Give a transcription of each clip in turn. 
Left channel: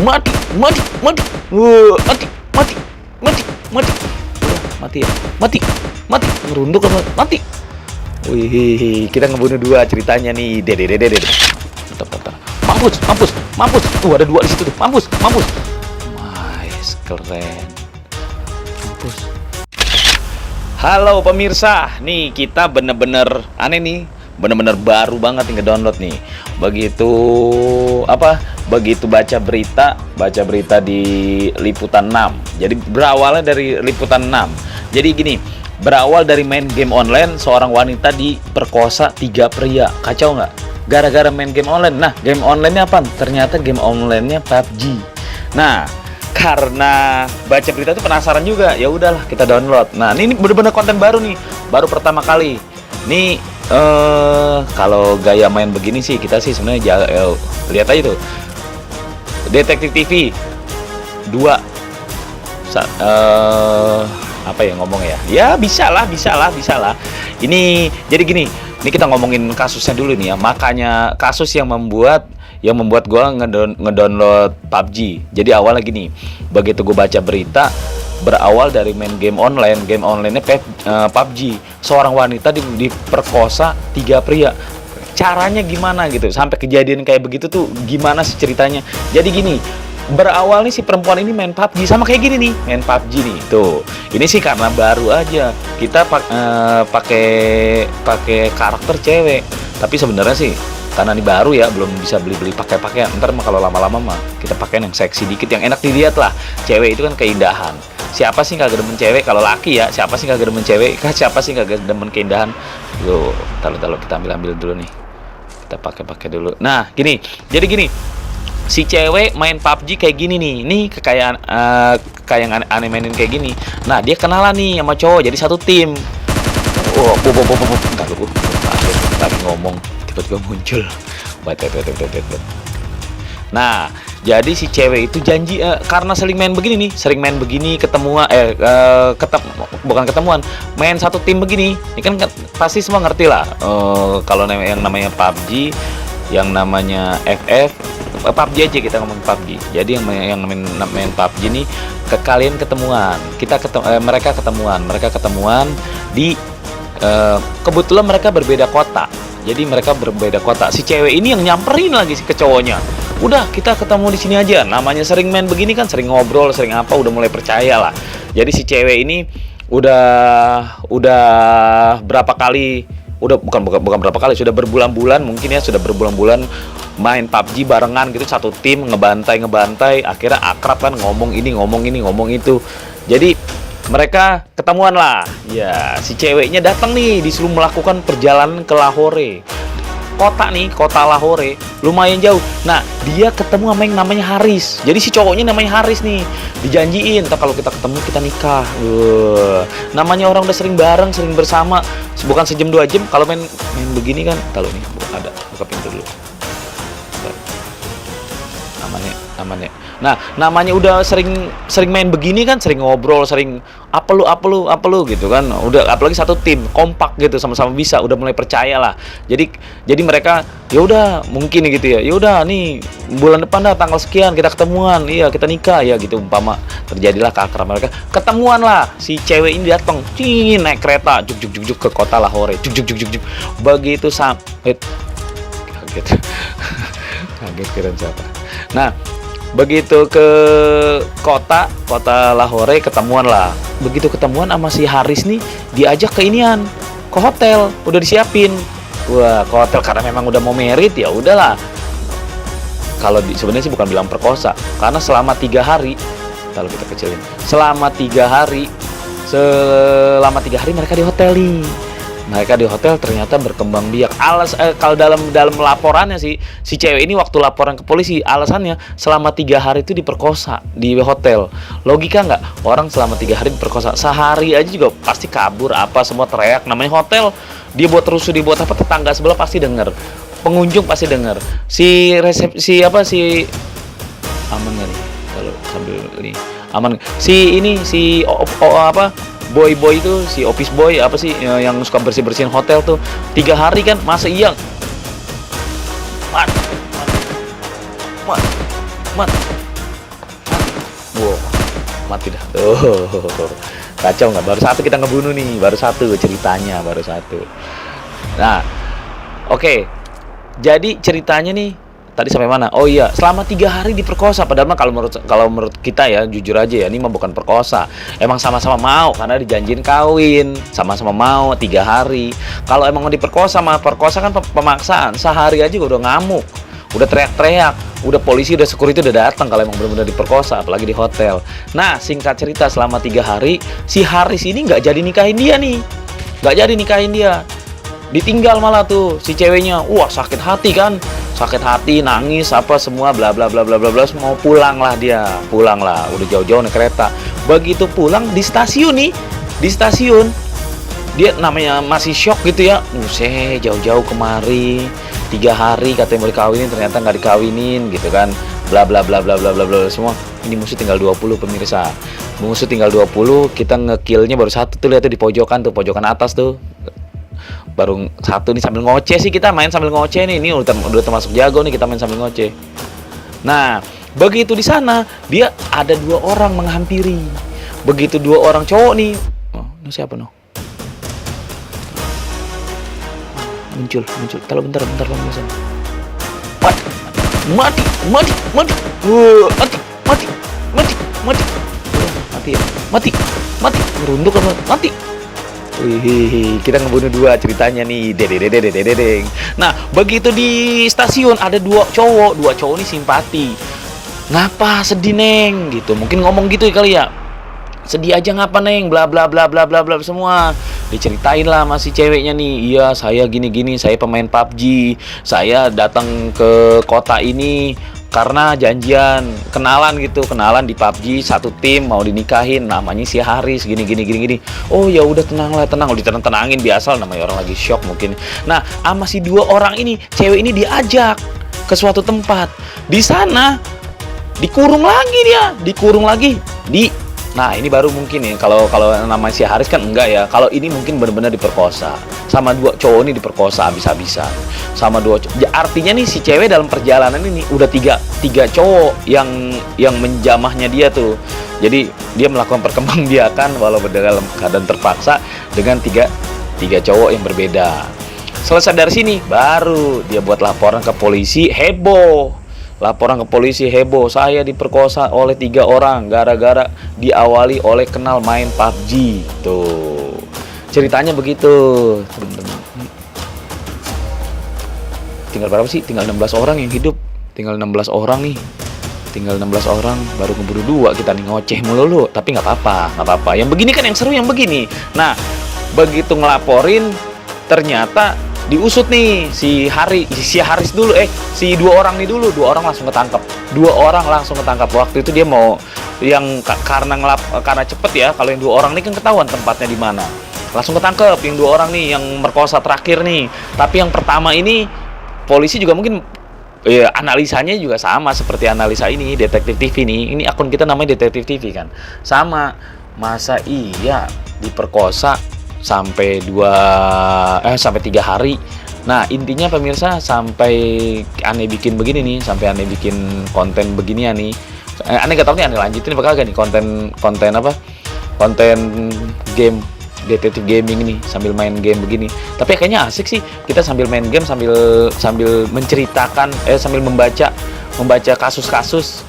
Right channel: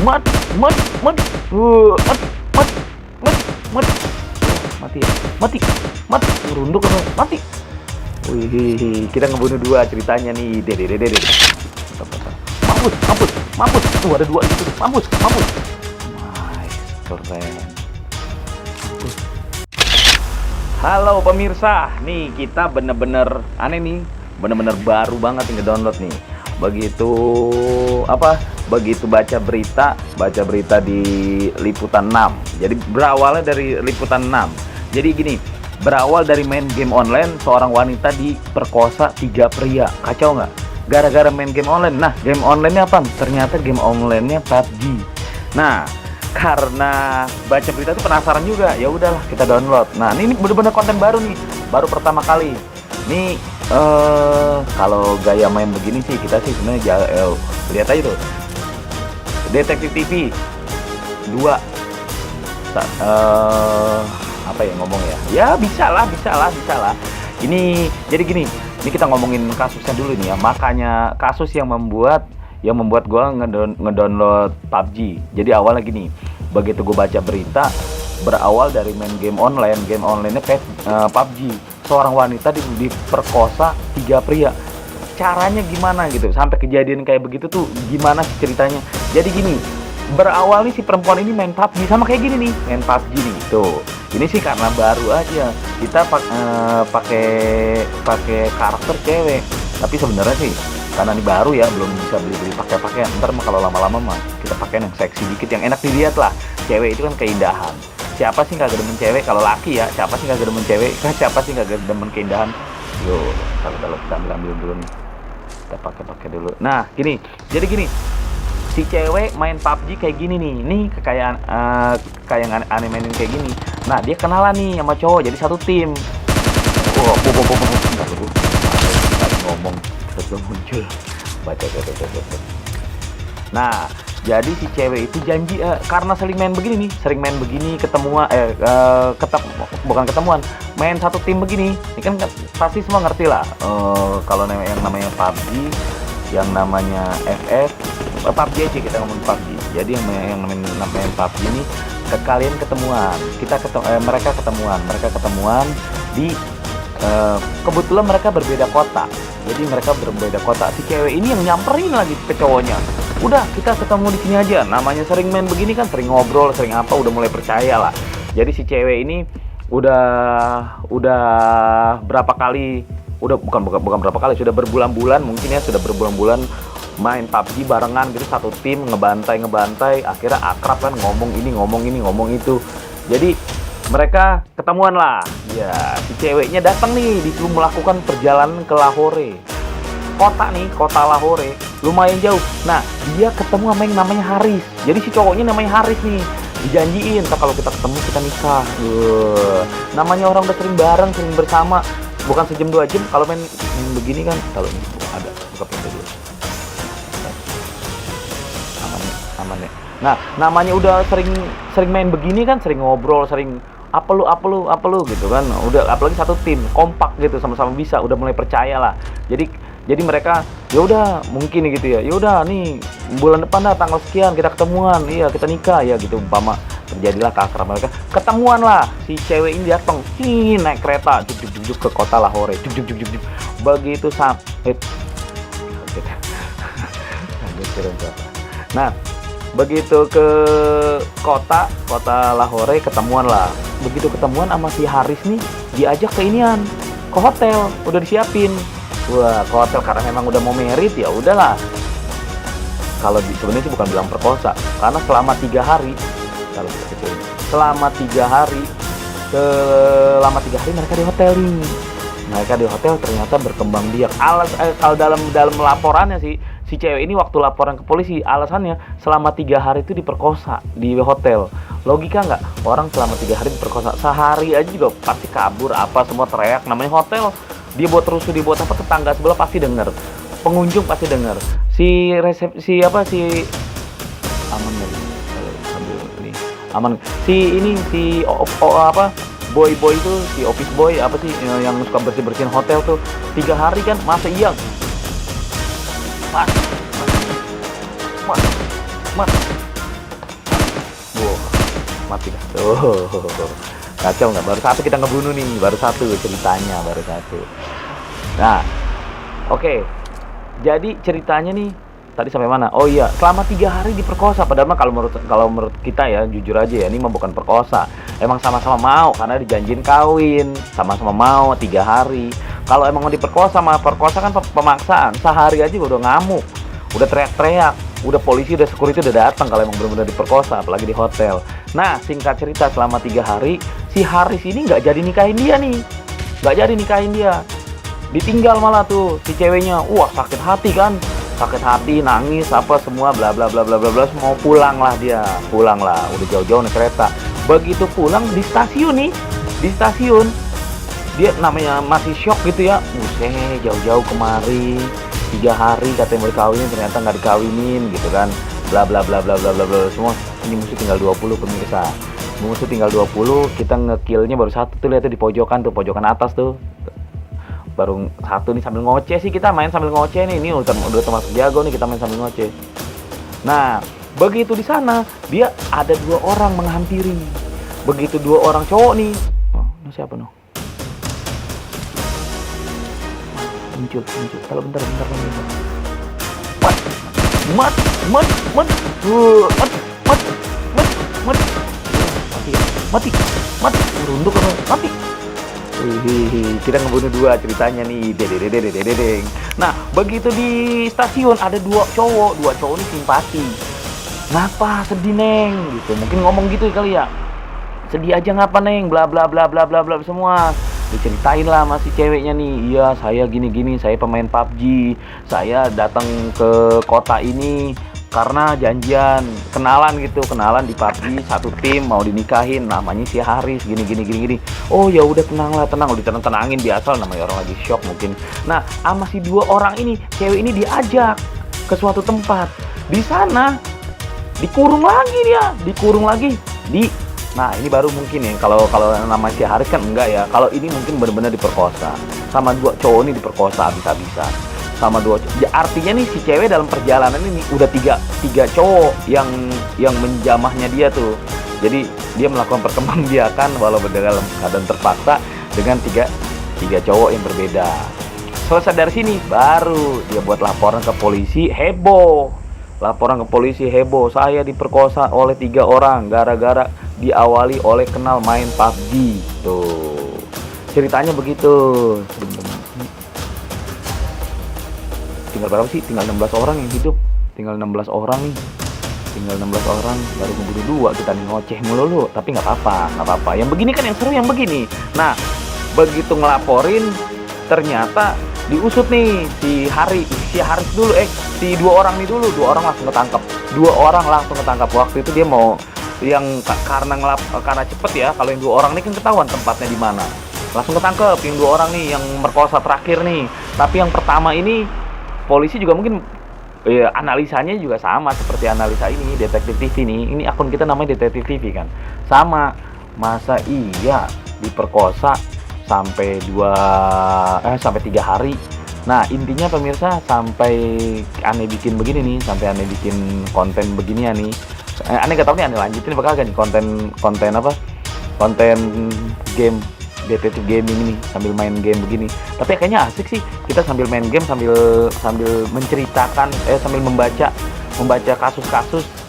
Mati, mati, mati. Mati, mati, mati, mati. Mati ya, mati, mati. Ngerunduk apa? Mati. Wih, kita ngebunuh dua ceritanya nih. Dede, dede, dede. Mantap, mantap. Mampus, mampus, mampus. Ada dua di situ tuh. Mampus, mampus. Nice, keren. Mampus. Halo pemirsa, nih kita bener-bener aneh nih, bener-bener baru banget nih ngedownload nih. Begitu apa? Begitu baca berita di Liputan 6. Jadi berawalnya dari Liputan 6. Jadi gini, berawal dari main game online, seorang wanita diperkosa 3 pria. Kacau nggak? Gara-gara main game online. Nah, game online-nya apa? Ternyata game online-nya PUBG. Nah, karena baca berita tuh penasaran juga, ya udahlah kita download. Nah, ini bener-bener konten baru nih, baru pertama kali. Nih kalau gaya main begini sih kita sih sebenarnya lihat aja tuh. Detektif TV 2 apa ya ngomongnya ya? Ya bisa lah. Ini jadi gini, ini kita ngomongin kasusnya dulu nih ya. Makanya kasus yang membuat gua ngedownload PUBG. Jadi awalnya gini, begitu gua baca berita, berawal dari main game onlinenya PUBG. Seorang wanita diperkosa 3 pria. Caranya gimana gitu sampai kejadian kayak begitu tuh gimana sih ceritanya? Jadi gini, berawal nih si perempuan ini main PUBG sama kayak gini nih, main PUBG nih tuh. Ini sih karena baru aja kita pakai karakter cewek. Tapi sebenarnya sih karena ini baru ya, belum bisa beli pakai ntar mah kalau lama-lama mah kita pakai yang seksi dikit, yang enak dilihat lah. Cewek itu kan keindahan. Siapa sih kagak demen cewek? Kalau laki ya, siapa sih kagak demen cewek? Siapa sih kagak demen keindahan? Loh, kalau kita ambil dulu nih. Kita pakai dulu. Nah, gini. Jadi gini. Si cewek main PUBG kayak gini nih. Nih kekayaan kayak aneh mainin kayak gini. Nah, dia kenalan nih sama cowok jadi satu tim. Oh, Entar ngomong tiba-tiba muncul. Nah, jadi si cewek itu janji karena sering main begini ketemuan bukan ketemuan, main satu tim begini. Ini kan pasti semua ngerti lah. Kalau yang namanya PUBG, yang namanya FF, PUBG aja kita ngomong PUBG. Jadi yang main PUBG ini kalian ketemuan. Mereka ketemuan di kebetulan mereka berbeda kota. Jadi mereka berbeda kota. Si cewek ini yang nyamperin lagi ke cowoknya. Udah, kita ketemu di sini aja. Namanya sering main begini kan, sering ngobrol, sering apa, udah mulai percaya lah. Jadi si cewek ini udah berapa kali, bukan berapa kali, sudah berbulan-bulan mungkin ya, sudah berbulan-bulan main PUBG barengan gitu, satu tim ngebantai, akhirnya akrab kan, ngomong ini, ngomong itu. Jadi mereka ketemuan lah. Ya, si ceweknya datang nih, disuruh melakukan perjalanan ke Lahore. Kota Lahore, lumayan jauh. Nah, dia ketemu sama yang namanya Haris. Jadi si cowoknya namanya Haris nih. Dijanjiin, kalau kita ketemu kita nikah. Namanya orang udah sering bareng, sering bersama, bukan sejam 2 jam. Kalau main begini kan, kalau nih ada buka pintu dulu. Aman ya. Nah, namanya udah sering main begini kan, sering ngobrol, sering apa lu gitu kan. Udah apalagi satu tim, kompak gitu, sama-sama bisa, udah mulai percaya lah. Jadi mereka ya udah mungkin gitu ya. Ya udah nih bulan depan dah tanggal sekian kita ketemuan. Iya, kita nikah ya gitu umpama. Terjadilah keakraban mereka. Ketemuan lah. Si cewek ini datang, naik kereta juk ke kota Lahore. Juk. Begitu sampai kaget. Kaget keren siapa. Nah, begitu ke kota Lahore ketemuan lah. Begitu ketemuan sama si Haris nih, diajak ke inian, ke hotel, udah disiapin. Wah, ke hotel karena memang udah mau merit, ya udahlah. Kalau sebenarnya sih bukan bilang perkosa, karena selama 3 hari, kalau kita kecilin, selama 3 hari mereka di hotel nih. Mereka di hotel ternyata berkembang biak. Kalau dalam laporannya si cewek ini waktu laporan ke polisi, alasannya selama 3 hari itu diperkosa di hotel. Logika nggak? Orang selama 3 hari diperkosa, sehari aja juga pasti kabur apa semua teriak. Namanya hotel, dia buat rusuh, dia buat apa, tetangga sebelah pasti dengar, pengunjung pasti dengar. Si aman kali kalau sambil ini aman. Si boy itu, si office boy apa sih yang suka bersihin hotel tuh, 3 hari kan, masa iya mat mati dah. Oh, kacau nggak? Baru satu kita ngebunuh nih, baru satu ceritanya, baru satu. Nah, oke. Jadi ceritanya nih tadi sampai mana? Oh iya, selama 3 hari diperkosa. Padahal mah kalau menurut kita ya, jujur aja ya, ini mah bukan perkosa. Emang sama-sama mau karena dijanjin kawin, sama-sama mau 3 hari. Kalau emang mau diperkosa mah perkosa kan pemaksaan. Sehari aja udah ngamuk, udah teriak-teriak, udah polisi, udah security udah datang kalau emang benar-benar diperkosa, apalagi di hotel. Nah, singkat cerita selama 3 hari si Haris ini nggak jadi nikahin dia nih, nggak jadi nikahin dia. Ditinggal malah tuh si ceweknya. Wah, sakit hati kan, sakit hati, nangis apa semua bla bla bla bla bla bla. Mau pulang lah dia, pulang lah, udah jauh-jauh naik kereta. Begitu pulang di stasiun nih, di stasiun dia namanya masih shock gitu ya. Buset, jauh-jauh kemari 3 hari katanya mau dikawinin, ternyata nggak dikawinin gitu kan, bla bla bla bla bla bla bla semua. Ini musuh tinggal 20 pemirsa, musuh tinggal 20, kita ngekillnya baru satu tuh, lihat tuh di pojokan tuh, pojokan atas tuh baru satu nih. Sambil ngoceh sih, kita main sambil ngoceh nih, ini udah termasuk jago nih, kita main sambil ngoceh. Nah, begitu di sana dia ada 2 orang menghampiri. Begitu 2 orang cowok nih, oh, ini siapa noh? Muncul. Kalau bentar pemirsa. Mati. Mati. Merunduk apa? Mati. Wih, kita ngebunuh 2 ceritanya nih. Dedeng. Nah, begitu di stasiun ada 2 cowok ini simpati. Ngapa sedih neng? Gitu. Mungkin ngomong gitu kali ya. Sedih aja ngapa neng? Bla bla bla bla bla bla semua. Diceritain lah masih ceweknya nih. Iya, saya gini, saya pemain PUBG. Saya datang ke kota ini karena janjian kenalan di PUBG, satu tim mau dinikahin, namanya si Haris gini. Oh ya udah, tenang, udah tenangin biasa, namanya orang lagi shock mungkin. Nah, sama si 2 orang ini, cewek ini diajak ke suatu tempat. Di sana dikurung lagi di. Nah, ini baru mungkin ya, kalau nama si Haris kan enggak ya. Kalau ini mungkin benar-benar diperkosa. Sama 2 cowok ini diperkosa habis-habisan. Sama 2 cowok. Ya, artinya nih si cewek dalam perjalanan ini udah tiga cowok yang menjamahnya dia tuh. Jadi dia melakukan perkembangbiakan walaupun dalam keadaan terpaksa dengan tiga cowok yang berbeda. Selesai dari sini baru dia buat laporan ke polisi, heboh. Saya diperkosa oleh 3 orang gara-gara diawali oleh kenal main PUBG. Tuh, ceritanya begitu. Tinggal berapa sih? Tinggal 16 orang yang hidup. Tinggal 16 orang nih. Baru ngebunuh 2, kita nih ngoceh melulu. Tapi nggak apa-apa. Yang begini kan yang seru, yang begini. Nah, begitu ngelaporin ternyata diusut nih si Haris dulu, si 2 orang nih dulu. 2 orang langsung ketangkap. Waktu itu dia mau yang karena cepet ya. Kalau yang 2 orang nih kan ketahuan tempatnya di mana, langsung ketangkep yang 2 orang nih yang merkosa terakhir nih. Tapi yang pertama ini polisi juga mungkin ya, analisanya juga sama seperti analisa ini Detektif TV nih. Ini akun kita namanya Detektif TV kan, sama. Masa iya diperkosa sampai 3 hari. Nah, intinya pemirsa, sampai aneh bikin begini nih, sampai aneh bikin konten beginian nih. Aneh gak tau nih, aneh lanjutin apa kagak nih konten apa? Konten game detektif gaming ini sambil main game begini. Tapi kayaknya asik sih, kita sambil main game sambil menceritakan sambil membaca kasus-kasus.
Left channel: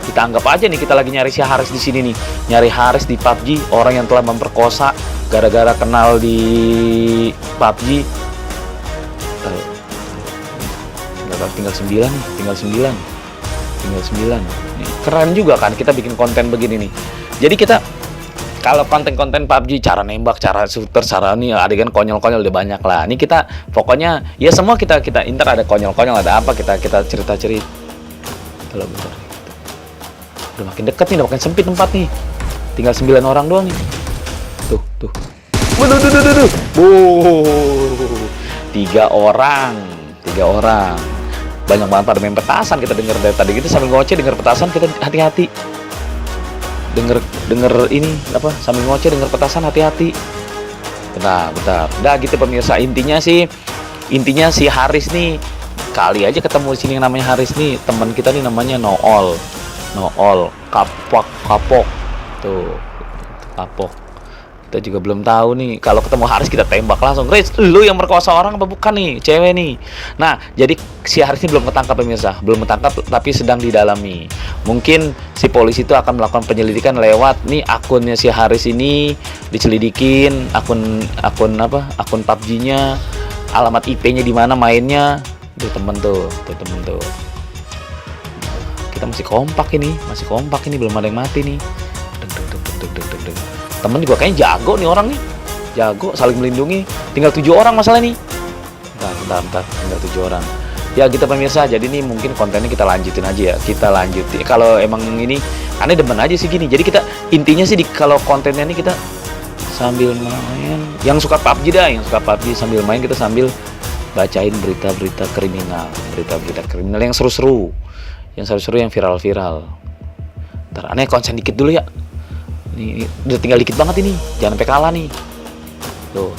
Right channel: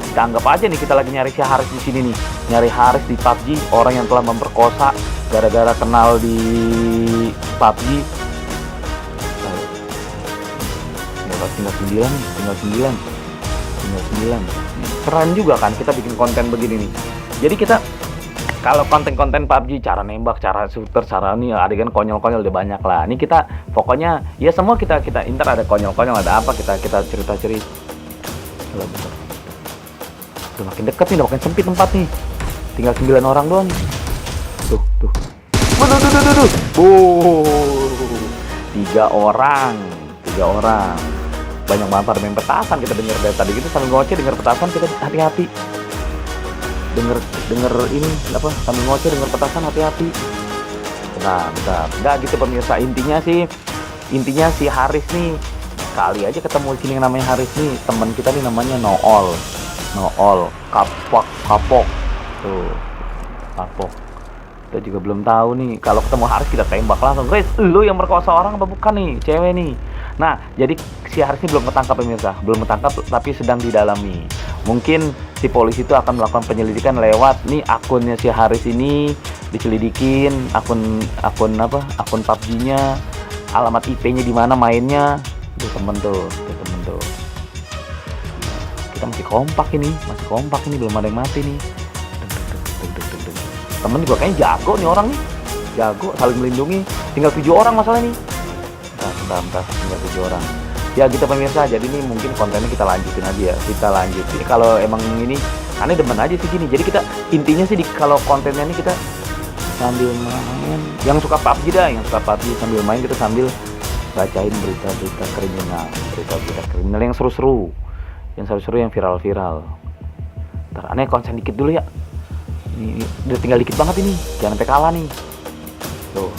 Kita anggap aja nih kita lagi nyari si Haris di sini nih. Nyari Haris di PUBG, orang yang telah memperkosa gara-gara kenal di PUBG. Tinggal 9. Keren juga kan kita bikin konten begini nih. Jadi kita kalau konten-konten PUBG, cara nembak, cara shooter, cara nih adegan konyol-konyol udah banyak lah. Ini kita pokoknya ya semua kita inter, ada konyol-konyol, ada apa kita cerita-cerita. Kalau bentar. Udah makin dekat nih, udah makin sempit tempat nih. Tinggal 9 orang doang nih. Tuh. Waduh. 3 orang. Banyak banget pada main petasan, kita denger dari tadi gitu sambil ngoceh denger petasan, kita hati-hati. Denger ini apa? Sambil ngoceh denger petasan, hati-hati. Bentar. Udah gitu pemirsa, intinya si Haris nih, kali aja ketemu di sini yang namanya Haris nih, teman kita nih namanya Nool, kapok. Tuh, kapok. Kita juga belum tahu nih, kalau ketemu Haris kita tembak langsung. Riz, lu yang merkosa orang apa bukan nih, cewek nih. Nah, jadi si Haris ini belum ketangkap pemirsa, belum ketangkap tapi sedang didalami. Mungkin si polisi itu akan melakukan penyelidikan lewat nih akunnya si Haris ini, diselidikin akun PUBG-nya, alamat IP-nya di mana mainnya. Tuh temen tuh. Kita masih kompak ini, belum ada yang mati nih. Temen juga kayaknya jago nih orang nih, jago saling melindungi. Tinggal 7 orang masalah nih. Bentar, tinggal 7 orang. Ya gitu pemirsa, jadi nih mungkin kontennya kita lanjutin aja ya. Kalau emang ini aneh demen aja sih gini. Jadi kita intinya sih kalau kontennya ini kita sambil main. Yang suka PUBG sambil main, kita sambil bacain berita-berita kriminal yang seru-seru, yang viral-viral. Ntar aneh konsen dikit dulu ya. Ini udah tinggal dikit banget ini, jangan sampai kalah nih. Tuh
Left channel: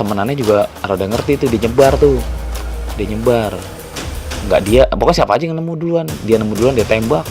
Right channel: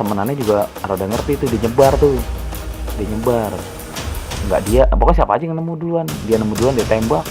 temenannya juga rada ngerti tuh, dia nyebar. Nggak dia, pokoknya siapa aja yang nemu duluan, dia tembak.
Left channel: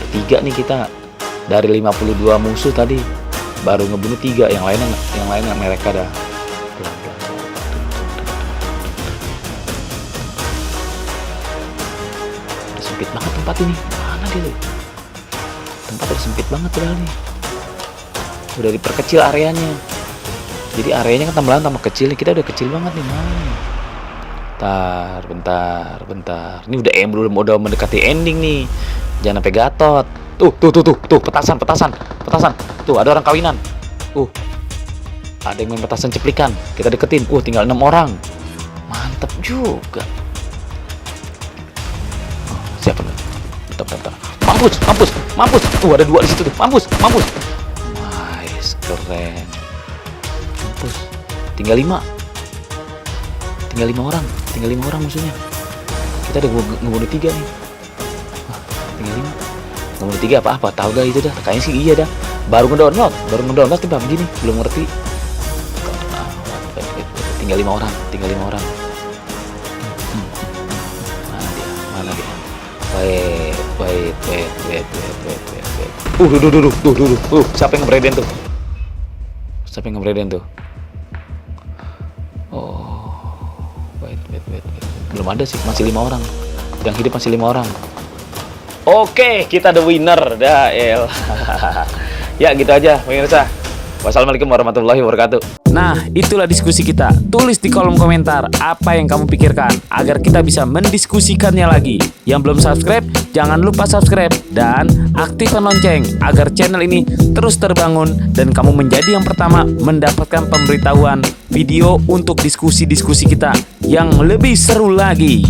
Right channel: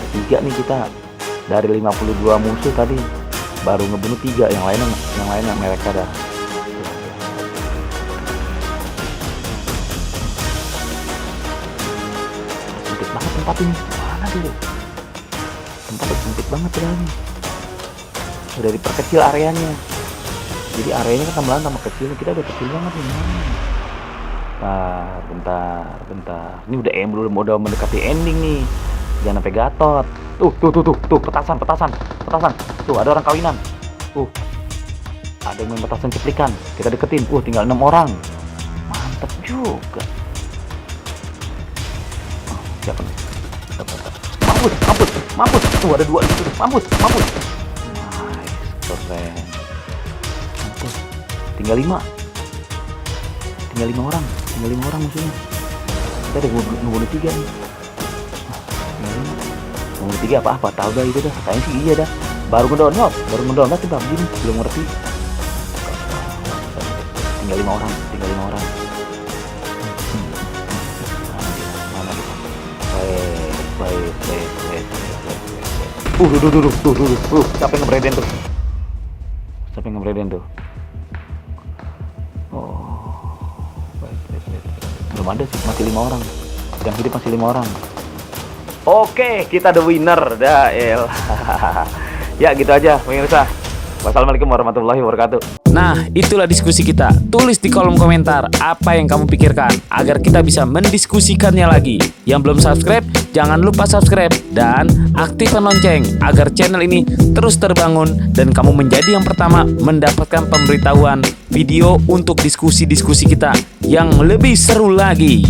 Bertiga nih kita dari 52 musuh tadi, baru ngebunuh 3, yang lainnya mereka dah. Udah sempit banget tempat ini, mana dia tuh? Tempat udah sempit banget padahal nih. Udah diperkecil areanya. Jadi areanya kan tambah kecil, kita udah kecil banget nih. Bentar. Ini udah mendekati ending nih. Jangan sampai gatot. Tuh, petasan. Tuh, ada orang kawinan. Ada yang main petasan ceplikan. Kita deketin. Tinggal 6 orang. Mantep juga. Siapa nih? Bentar. Mampus. Ada 2 di situ. Mampus. Nice, keren. Mampus. Tinggal 5 orang musuhnya. Kita udah ngebunuh 3 nih. Tinggal 5. Ngebunuh 3 apa? Tahu dah itu dah. Kayaknya sih iya dah. Baru ngedownload tiba begini, belum ngerti. Tinggal 5 orang. Mana dia? Wait. Siapa yang ngebreden tuh? Wait. Belum ada sih, masih 5 orang. Yang hidup masih 5 orang. Oke, kita the winner dah, Ya gitu aja pemirsa. Wassalamualaikum warahmatullahi wabarakatuh. Nah, itulah diskusi kita. Tulis di kolom komentar apa yang kamu pikirkan agar kita bisa mendiskusikannya lagi. Yang belum subscribe, jangan lupa subscribe dan aktifkan lonceng agar channel ini terus terbangun dan kamu menjadi yang pertama mendapatkan pemberitahuan video untuk diskusi-diskusi kita yang lebih seru lagi.